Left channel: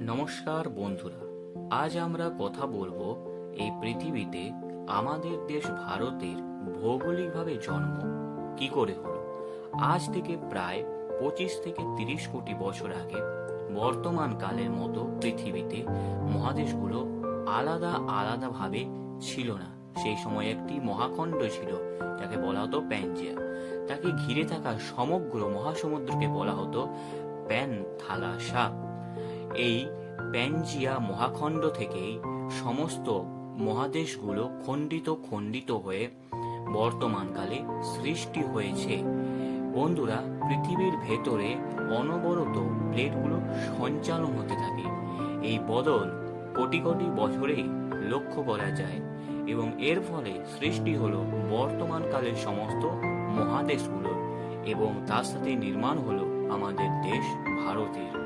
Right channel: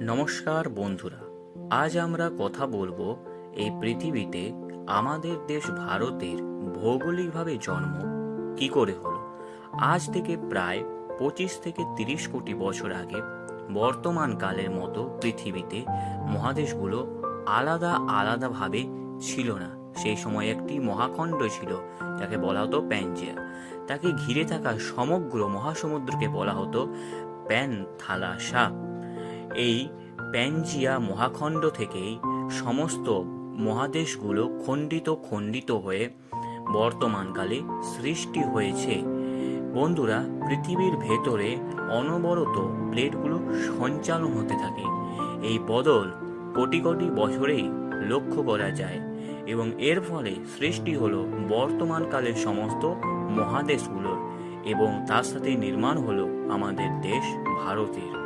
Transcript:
নমস্কার বন্ধুরা, আজ আমরা কথা বলবো এই পৃথিবীতে আমাদের দেশ ভারতের ভৌগোলিকভাবে জন্ম কি করে হলো। আজ থেকে প্রায় 25 থেকে 30 কোটি বছর আগে বর্তমান কালের মতো পৃথিবীতে মহাদেশগুলো আলাদা আলাদাভাবে ছিল না। সেই সময় একটি মহাখণ্ড ছিল যাকে বলা হতো প্যানজিয়া। তাকে ঘিরে থাকা সমগ্র মহাসমুদ্রকে বলা হতো প্যানথালাসা। এই প্যানজিয়া মহাখণ্ড থেকেই সমস্ত মহাদেশগুলো খণ্ডিত খণ্ডিত হয়ে বর্তমানকালে সৃষ্টি হয়েছে। বন্ধুরা, পৃথিবীর ভেতরে অনবরত প্লেটগুলো সঞ্চালন হতে থাকে। এই বদল কোটি কোটি বছরেই লক্ষ্য করা যায় এবং এর ফলে সৃষ্টি হলো বর্তমানকালের সমস্ত মহাদেশগুলোর এবং তার সাথে নির্মাণ হলো আমাদের দেশ ভারতের।